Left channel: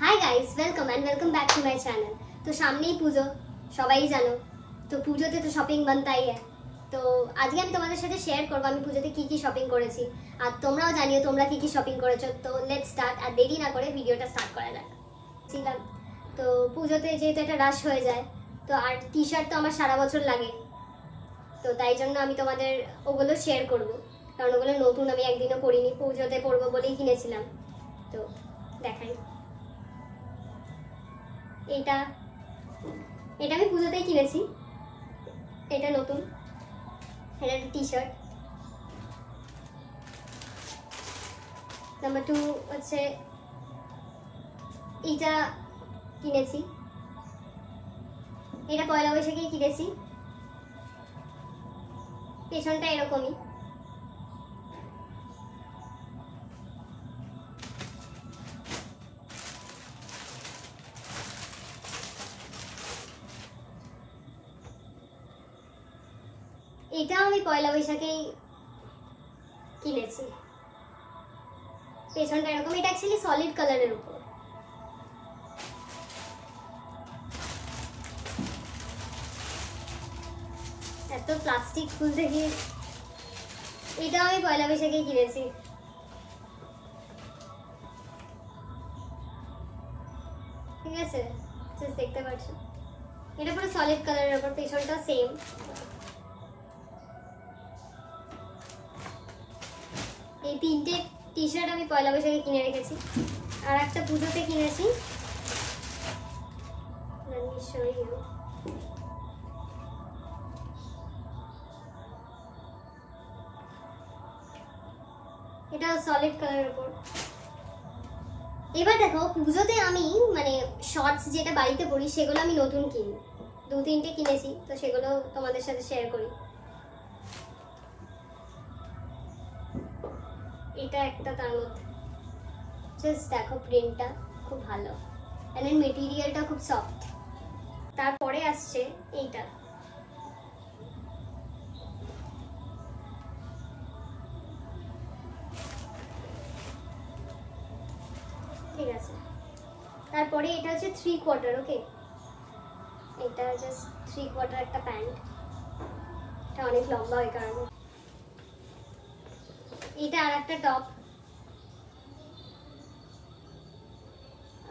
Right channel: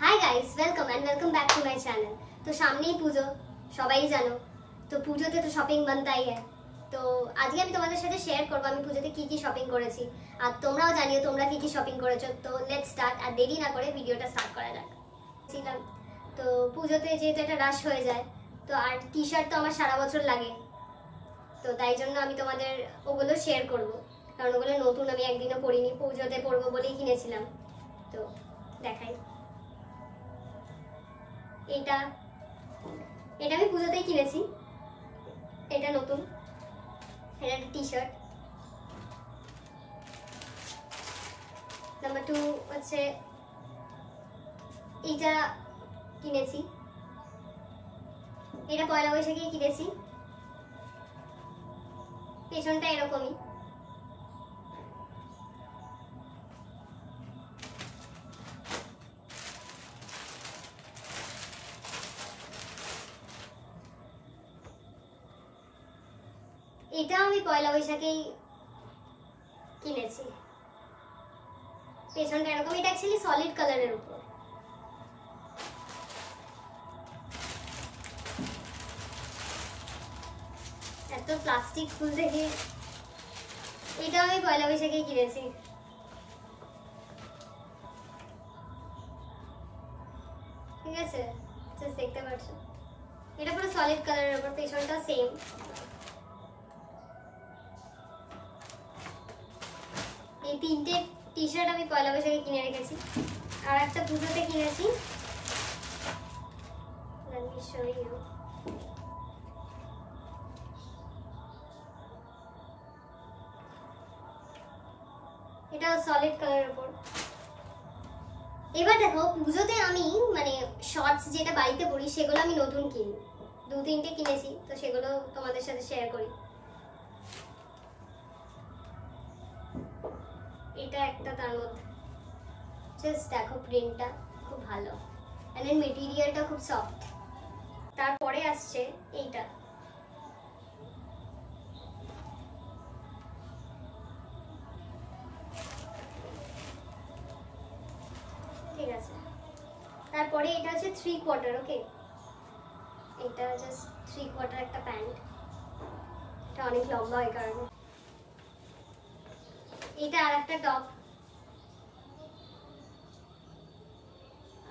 Hi guys, welcome and welcome back to my channel. तो सामने ही পুজো, সবাই জানো। তো পুজোতে তো শপিং বানতাই है। তো আজকে আমি তোমাদের সাথে শেয়ার করব আমি পুজোতে কি কি শপিং করেছি, আর তোমরাও জানিও তোমরা কি কি শপিং করেছো। তো লেটস স্টার্ট, আর দেরি না করে ভিডিওটা স্টার্ট করা যাক। ছিলাম তো পুজোতে যেহেতু একটা রাশ হয়ে যায়, তো আর টি-শার্ট তো আমার সারা বছর লাগে, তো তাই জন্য আমি তোমাদের ওগুলো শেয়ার করব, কারণ ওগুলো নতুন, আমি একদিনও পরিনি, পুজোতে পরবো বলেই কিনেছিলাম। তো দেখাই, এটা এটা আমি পুজোতেই কিনেছি, এটা নতুন, এটা একটা টি-শার্ট। নাম্বার 2 হচ্ছে এইটা কিনেছি, এটা পয়লা বৈশাখেই কিনেছি, পেছনটা এরকমই। এটাও আমি পয়লা বৈশাখেই কিনেছি, পেছনটা এরকম। এটা অ্যাকচুয়ালি সলিড কালারের উপর। এত প্লাস্টিক খুলতে গিয়ে, এটাও আমি পয়লা বৈশাখেই কিনেছি। ঠিক আছে, দেখতে পাচ্ছ এটা পুরো সলিড কালারের উপর, পেছনটা সেম। এই তিনটে টি-শার্ট আমি পয়লা বৈশাখে কিনে রেখেছি, আর একটা পুজোতে কিনেছি। এটা সলিড কালারের উপর। এবার দেখো, পুজোতে আমি মানে শর্টস যেটা বাড়িতে পরি সেগুলো আমি নতুন কিনি, 2-3টে কিনেছি, তো সেগুলো তোমাদের সাথে শেয়ার করি। এটা একটা, তার মধ্যে জাস্ট দেখো প্রিন্টটা খুব ভালো, এন্ড মেটেরিয়ালটা খুব সফট। তারপরে আসছে এইটা, ঠিক আছে। তারপরে এটা হচ্ছে 3/4, ওকে, এটা জাস্ট 3/4 একটা প্যান্ট, এটা অনেক লম্বা ওই কারণে। এটা আর একটা টপ,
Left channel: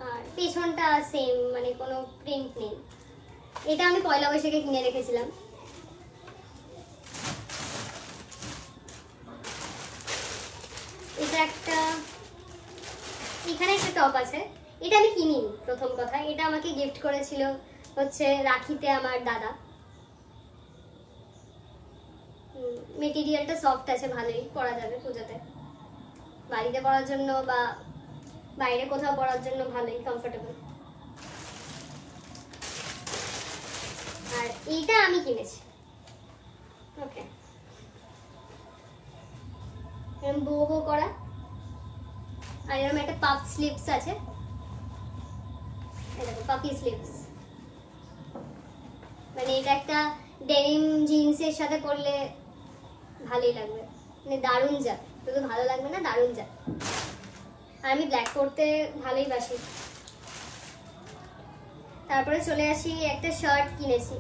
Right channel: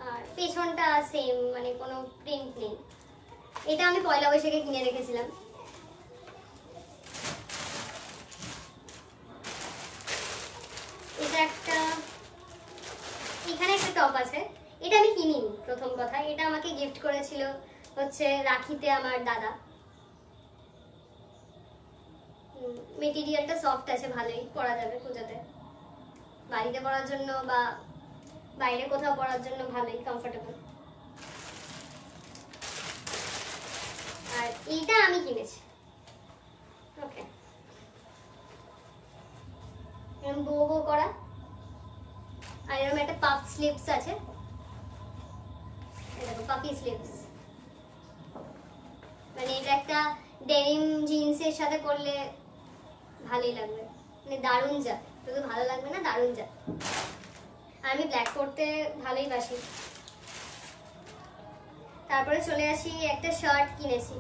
আর পেছনটা সেম, মানে কোনো প্রিন্ট নেই। এটা আমি পয়লা বৈশাখে কিনে রেখেছিলাম। এটা একটা, এখানে একটা টপ আছে, এটা আমি কিনিনি প্রথম কথা, এটা আমাকে গিফট করেছিল হচ্ছে রাখিতে আমার দাদা। মেটেরিয়ালটা সফট আছে, ভালোই পরা যাবে পুজোতে, বাড়িতে পরার জন্য বা বাইরে কোথাও পরার জন্য ভালোই কমফোর্টেবল। আর এইটা আমি কিনেছি, ওকে, এরকম বো করা, আর এরকম একটা পাফ স্লিভস আছে, দেখো পাফি স্লিভস, মানে এটা একটা ডেনিম জিন্সের সাথে পরলে ভালোই লাগবে, মানে দারুণ যা, শুধু ভালো লাগবে না, দারুণ যা। আর আমি ব্ল্যাক পরতে ভালোই বাসি। তারপরে চলে আসি, একটা শার্ট কিনেছি,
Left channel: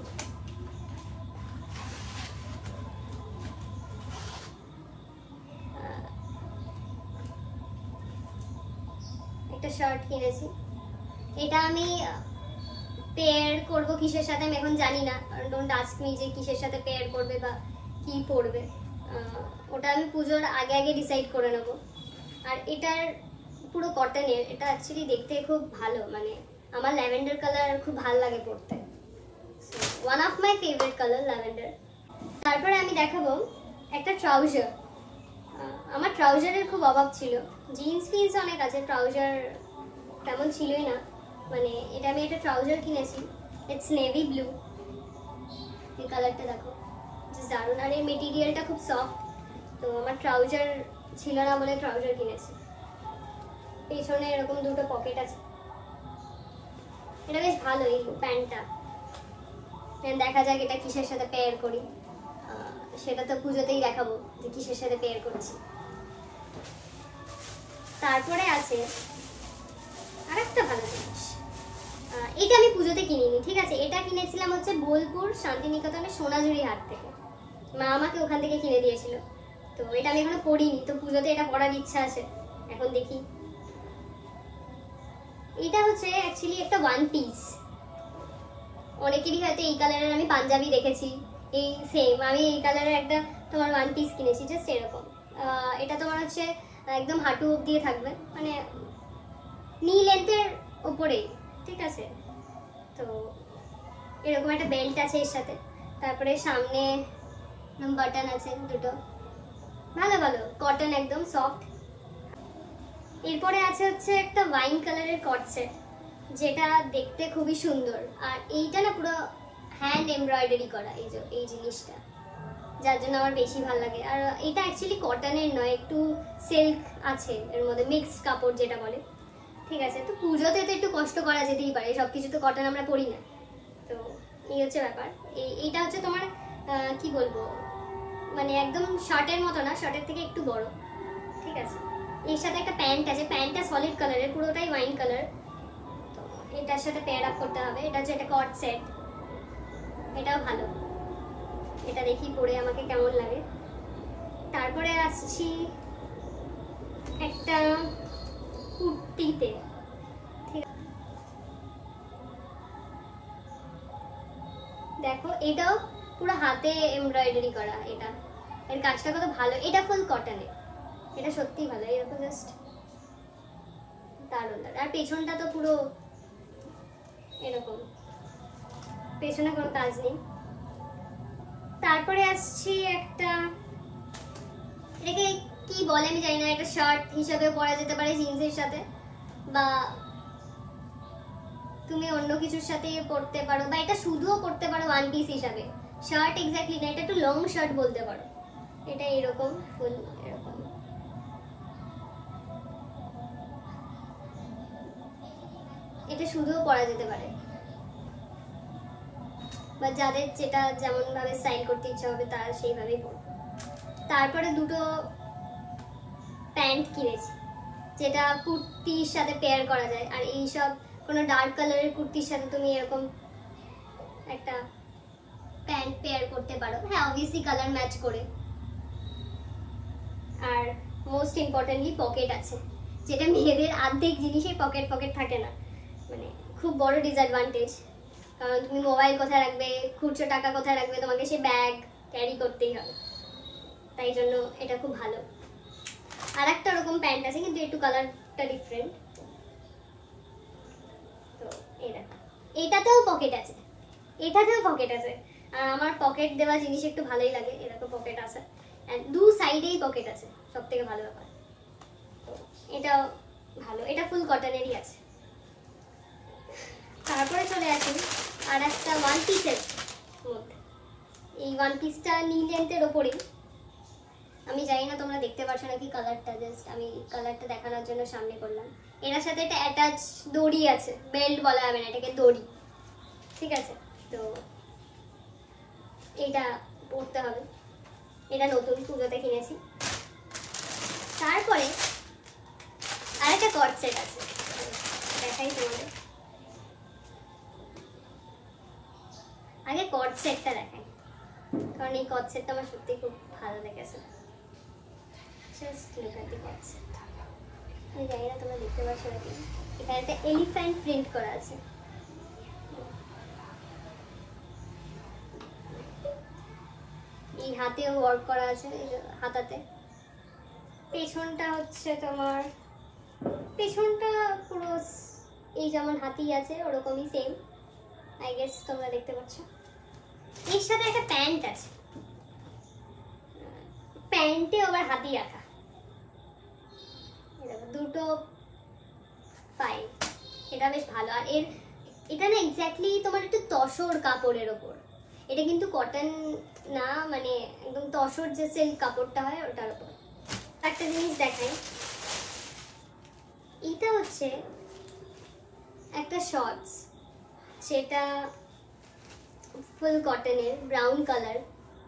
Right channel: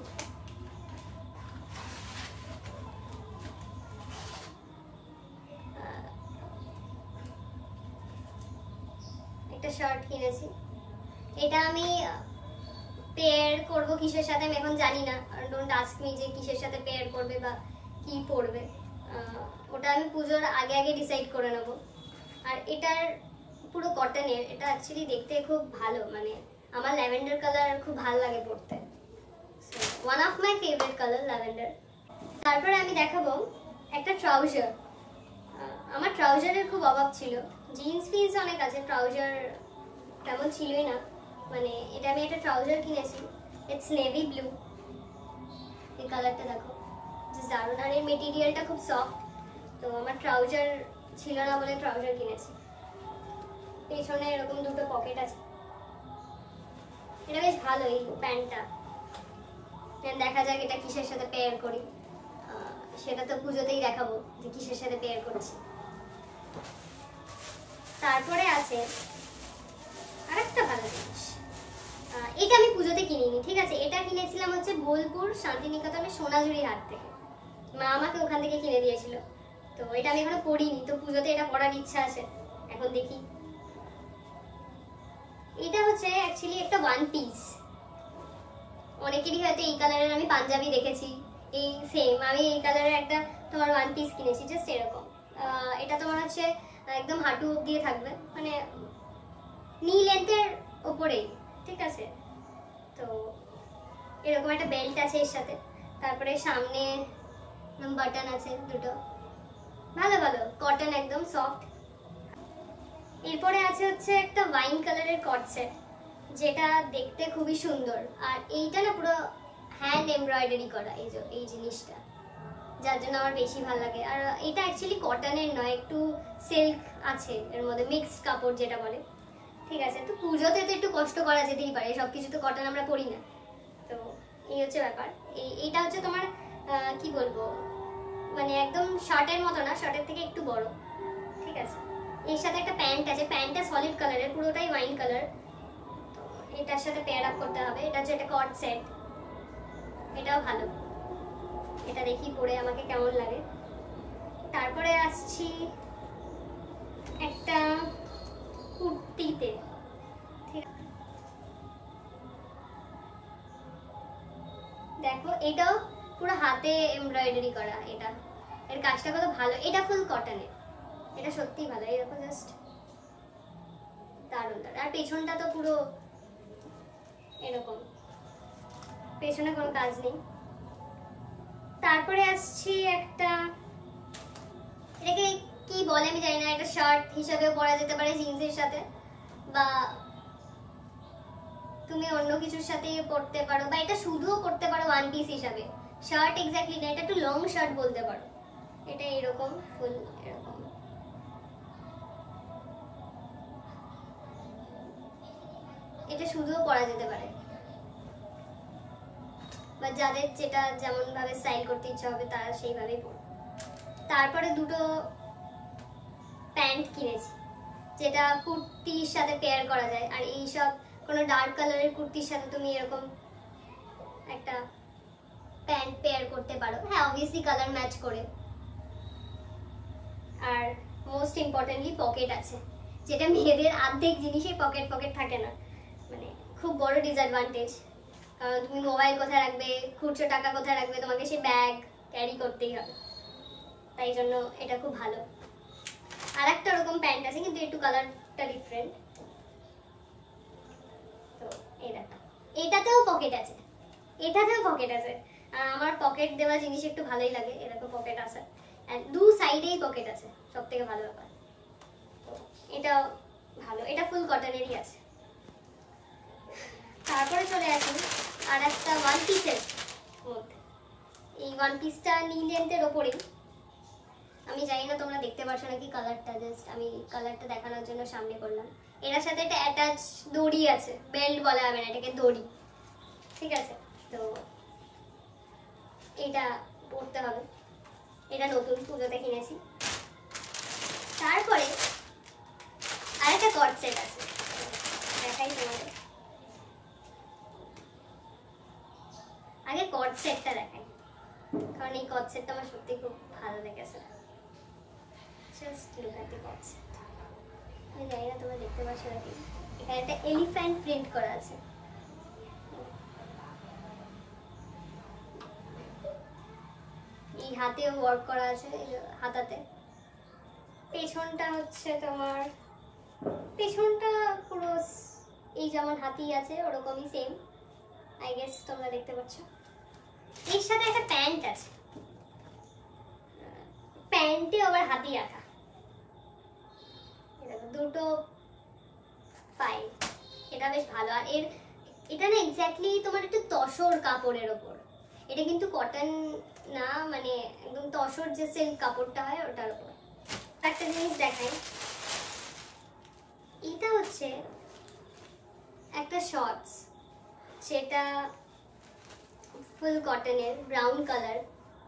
একটা শার্ট কিনেছি। এটা আমি পেয়ার করব কিসের সাথে আমি এখন জানি না, ডোন্ট আস্ক মি যে কিসের সাথে পেয়ার করবে বা কি পরবে, ওটা আমি পুজোর আগে আগে ডিসাইড করে নেব। আর এটার পুরো কটনের, এটা অ্যাকচুয়ালি দেখতে খুব ভালো, মানে আমার ল্যাভেন্ডার কালার খুব ভালো লাগে পরতে, one of my favourite colour lavender. তারপরে আমি দেখাবো একটা ট্রাউজার। আমার ট্রাউজারের খুব অভাব ছিল, জিন্স ফিন্স অনেক আছে, ট্রাউজার তেমন ছিলই না। মানে এটা আমি একটা ট্রাউজার কিনেছি, ইটস নেভি ব্লু, এই কালারটা দেখো দারুণ, আর এই মেটেরিয়ালটা খুব সফট। তো আমার ট্রাউজার ছিল না বলে ট্রাউজার কিনেছি। পেছনে এরকম দুটো পকেট আছে, এটা বেশ ভালো এই প্যান্টটা। দেখা যাক এটা কিসের সাথে পেয়ার করি, সেটা তো পুজোতেই দেখাবো যে কিসের সাথে পেয়ার করছি। তারপরে আছে আরেকটা ভালো জিনিস, এটা আমি পুজোতে কিনিনি, ঠিক আছে, এটা কিনেছিলাম হচ্ছে বোলপুর শান্তিনিকেতনের সোনাঝুরি হাট থেকে। মা আমাকে ওখান থেকে কিনে দিয়েছিল। তো এটা আমি এখনো পরিনি, তো পুজোতে এটা পরার ইচ্ছা আছে, এখন দেখি। এটা হচ্ছে অ্যাকচুয়ালি একটা ওয়ান পিস। অনেকেরই হয়তো এই কালারের আমি পাঞ্জাবি দেখেছি, এই সেম আমি এই কালারের একটা তোমার ওয়ান পিস কিনেছি, জাস্ট এরকম। এটা তোমার হচ্ছে একদম হাঁটু দিয়ে থাকবে, মানে নি লেন্থের ওপরেই, ঠিক আছে। তো এরকম একটা বেল্ট আছে এর সাথে, তারপরে সামনে বাটন আছে দুটো, ভালো ভালো কটন, একদম সফট। এরপরে আছে হচ্ছে একটা ওয়াইন কালারের কট সেট, যেটা দেখতে খুবই সুন্দর। আর এইটা না পুরো হ্যান্ড এমব্রয়ডারি করা, এই যে এই জিনিসটা, যার জন্য আমার বেশি ভালো লাগে। আর এটা অ্যাকচুয়ালি কটনের নয়, একটু সিল্ক আছে এর মধ্যে, মিক্সড কাপড় যেটা বলে, ঠিক আছে। তো পুজোতে তো একটু কষ্ট করা যেতেই পারে, সবকিছু তো কটন আমরা পরি না। তো এই হচ্ছে ব্যাপার। এইটা হচ্ছে তোমার কি বলবো, মানে একদম শার্টের মতো না, শার্টের থেকে একটু বড়, ঠিক আছে। এর সাথে একটা প্যান্ট আছে, প্যান্টটা সলিড কালারের, পুরোটাই ওয়াইন কালার। তো এটার সাথে পেয়ার আপ করতে হবে। এটা হচ্ছে একটা কট সেট, এটাও ভালো। এটা দেখি পরে আমাকে কেমন লাগে। তারপরে আসছি একটা কুর্তিতে, ঠিক আছে, দেখো এটাও পুরো হাতে এমব্রয়ডারি করা। এটা এর কাজটা কত ভালো, এটা ফুল কটনের, এটা সত্যিই ভালো। এরকম জাস্ট দারুণ দারুণ। আর পেছনটা তো পুরো এরকম, পেছনে কোনো কাজ নেই। তারপরে আসছি একটা, এটাকে কি বলে আমি জানি না, একটা শার্ট হিসাবে পরা যেতে পারে জিন্সের সাথে, বা তুমি অন্য কিছুর সাথে পরতে পারো, বা এটা শুধুও পরতে পারো ওয়ান পিস হিসাবে। শার্ট এক্স্যাক্টলি না, এটা একটু লং শার্ট বলতে পারো। এটা এরকম ফুল এরকম, এটা শুধুও পরা যেতে পারে, বা যাদের যেটা যেমন ভাবে স্টাইল করতে ইচ্ছা হবে তারা সেইভাবেই পরবে। তারপরে দুটো প্যান্ট কিনেছি, যেটা কুর্তির সাথে পেয়ার করা যায়। আর এইসব কোনো ডার্ক কালারের কুর্তির সাথে তুমি এরকম একটা প্যান্ট পেয়ার করতে পারো, হ্যাঁ অবভিয়াসলি কালার ম্যাচ করে। আর মোস্ট ইম্পর্টেন্টলি পকেট আছে, যেটা মেয়েদের অর্ধেক জিনিসেই পকেট পকেট থাকে না, মানে খুব বড় ডিসঅ্যাডভান্টেজ। কারণ তুমি মোবাইল কোথায় রাখবে, খুচরো টাকা কোথায় রাখবে, তোমাকে সে ব্যাগ ক্যারি করতেই হবে, তাই জন্য এটা খুব ভালো। আর একটা ওরকম প্যান্ট আছে, কিন্তু একটু কালারটা ডিফারেন্ট। তো এই দেখো, এটাতেও পকেট আছে, এটাতেও পকেট আছে। আর আমার পকেট দেওয়া জিনিস একটু ভালোই লাগে, এরকম পকেট আছে, দু সাইডেই পকেট আছে, সব থেকে ভালো ব্যাপার। এটাও ভালো, এটা ফুল কটনেরই আছে। তারপরে চলে আসি আর একটা ওয়ান পিসের মধ্যে। এই ওয়ান পিসটা নি লেন্থের ওপরেই, আমি জানি না তোমরা দেখতে পাচ্ছ নাকি কালারটা, জাস্ট আমি কালারটা দেখানোর জন্য সামনে করলাম। এর সাথে একটা অ্যাটাচ দড়ি আছে, বেল্ট বলা হবে না, এটাকে দড়ি, ঠিক আছে। তো এটা পরতে হবে, এটা নতুন পুজোতে কিনেছি। তারপরে আরেকটা কট সেট আছে, দেখাই তোমাদের। আগে কট সেটটা দেখাই, কারণ এই কট সেটটা আমার সত্যি খুব ভালো লেগেছে। Just look at the cut set. আমি জানি না তোমরা দেখতে পাচ্ছ নাকি, এখানে একটা এলিফ্যান্ট প্রিন্ট করা আছে। এই হাতেও ওয়ার্ক করা আছে, হাতাতে। পেছনটা হচ্ছে তোমার, পেছনটা পুরো এই যেমন হাতি আছে ওরকমই সেম, আই গেস তোমরা দেখতে পাচ্ছ। এর সাথে একটা প্যান্ট আছে, প্যান্টে আবার হাতি রাখা, দুটো পাই, এটা বেশ ভালো। আর এটা না এক্স্যাক্টলি তোমার একটু তসর কাপড়ের ওপর, এটা কিন্তু কটন না, মানে একদম তসর যে সিল্ক কাপড়টা হয় ওটার উপর। একটা জিনিস দেখাই, এটা হচ্ছে একটা শর্টস, সেটা ফুল কটনের, ব্রাউন কালার,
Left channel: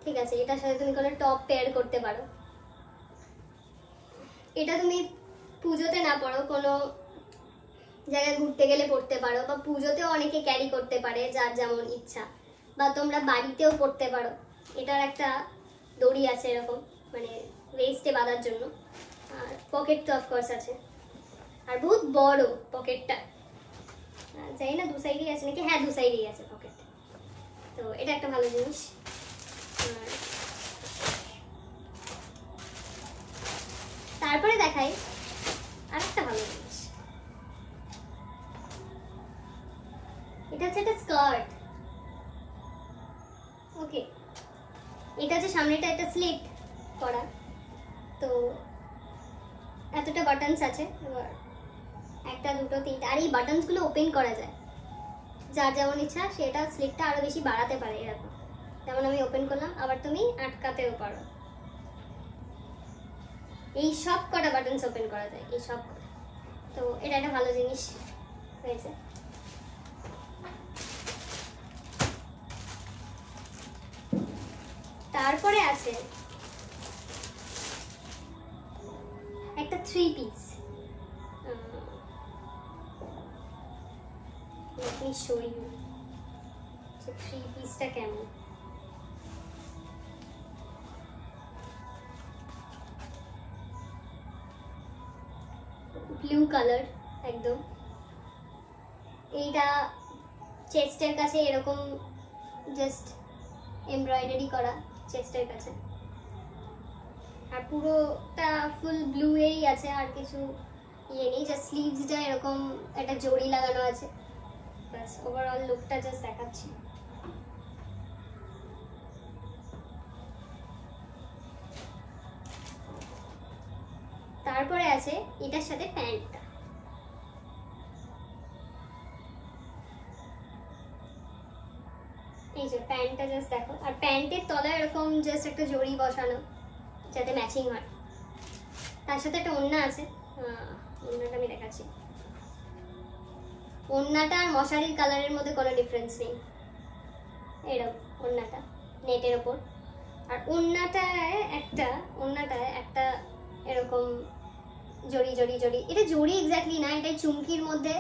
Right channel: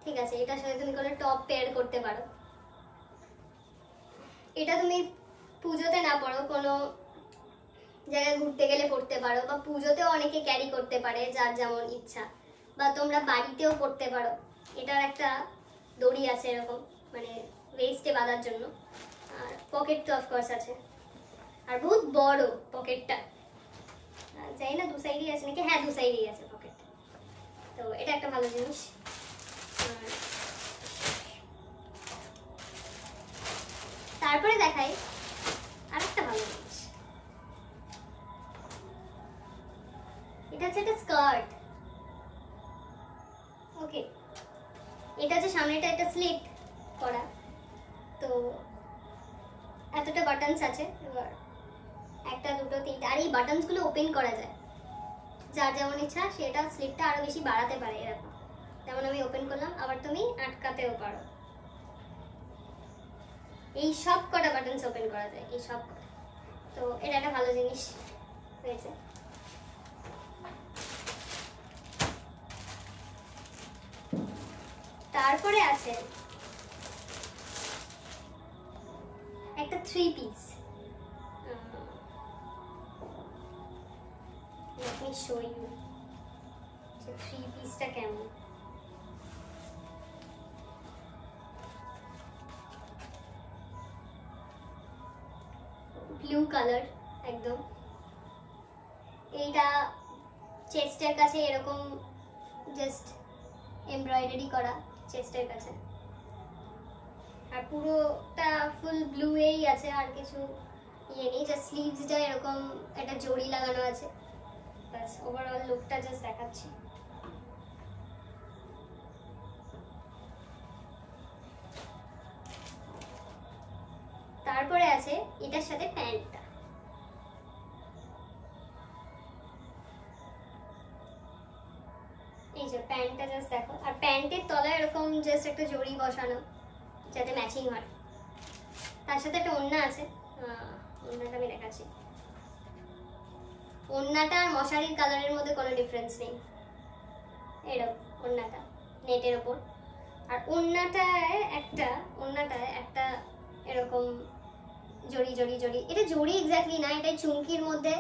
ঠিক আছে। এটার সাথে তুমি কোনো টপ পেয়ার করতে পারো। এটা তুমি পুজোতে না পরো, কোনো জায়গায় ঘুরতে গেলে পরতে পারো, বা পুজোতেও অনেকে ক্যারি করতে পারে যার যেমন ইচ্ছা, বা তোমরা বাড়িতেও পরতে পারো। এটার একটা দড়ি আছে এরকম, মানে ওয়েস্টে বাঁধার জন্য, আর পকেট তো অফকোর্স আছে, আর বহুত বড় পকেটটা, জানি না দু সাইডেই আছে নাকি, হ্যাঁ দু সাইডেই আছে পকেট। তো এটা একটা ভালো জিনিস। তারপরে দেখাই আর একটা ভালো জিনিস, এটা হচ্ছে একটা স্কার্ট। ওকে, এটা হচ্ছে সামনেটা একটা স্লিট করা, তো এতটা বাটনস আছে, এবার একটা দুটো তিনটা, আর এই বাটনস গুলো ওপেন করা যায়, যার যেমন ইচ্ছা সেটা স্লিটটা আরো বেশি বাড়াতে পারে। এরকম যেমন আমি ওপেন করলাম, আবার তুমি আটকাতেও পারো। এই সব কটা বাটনস ওপেন করা যায়, এই সব কটা। তো এটা একটা ভালো জিনিস হয়েছে। তারপরে আছে একটা 3 piece. Let me show you যে 3 পিসটা কেমন। ব্লু কালার একদম। এইটা চেস্টের কাছে এরকম জাস্ট এমব্রয়ডারি করা চেস্টের কাছে, আর পুরোটা ফুল ব্লু এই আছে, আর কিছু ইয়ে নেই, জাস্ট স্লিভসটা এরকম একটা জড়ি লাগানো আছে, বাস ওভারঅল লুকটা জাস্ট দেখাচ্ছি। তারপরে আছে এটার সাথে প্যান্টটা, এই যে প্যান্টটা জাস্ট দেখো, আর প্যান্টের তলায় এরকম জাস্ট একটা জড়ি বসানো যাতে ম্যাচিং হয়। তার সাথে একটা ওড়না আছে, ওড়নাটা আমি দেখাচ্ছি। ওড়নাটা আর মশারির কালারের মধ্যে কোনো ডিফারেন্স নেই, এরকম ওড়নাটা নেটের ওপর, আর ওড়নাটায় একটা এরকম জড়ি জড়ি জড়ি, এটা জড়ি এক্স্যাক্টলি না, এটা চুমকির মধ্যে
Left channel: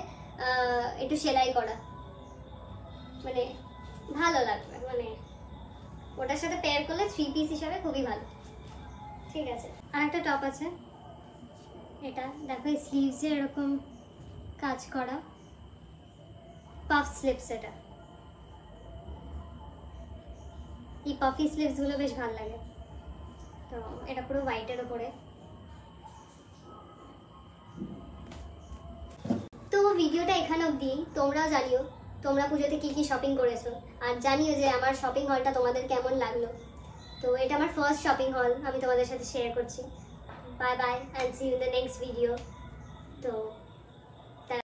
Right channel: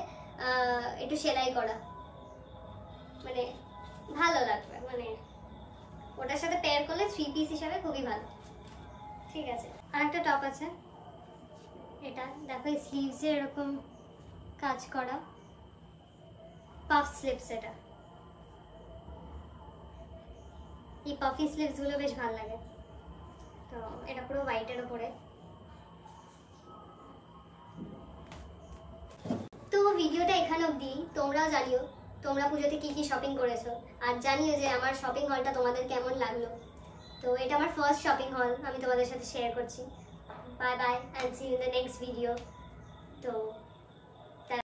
একটু সেলাই করা, মানে ভালো লাগবে, মানে ওটার সাথে পেয়ার করলে 3 পিস হিসাবে খুবই ভালো। ঠিক আছে, আর একটা টপ আছে, এটা দেখো স্লিভসে এরকম কাজ করা, পাফ স্লিভস। এটা এই পাফি স্লিভস গুলো বেশ ভালো লাগে। তো এটা পুরো হোয়াইটের উপরে। তো ভিডিওটা এখানে অবধি। তোমরাও জানিও তোমরা পুজোতে কি কি শপিং করেছো, আর জানিও যে আমার শপিং হলটা তোমাদের কেমন লাগলো। তো এটা আমার ফার্স্ট শপিং হল, আমি তোমাদের সাথে শেয়ার করছি। Bye bye, and see you in the next video. তো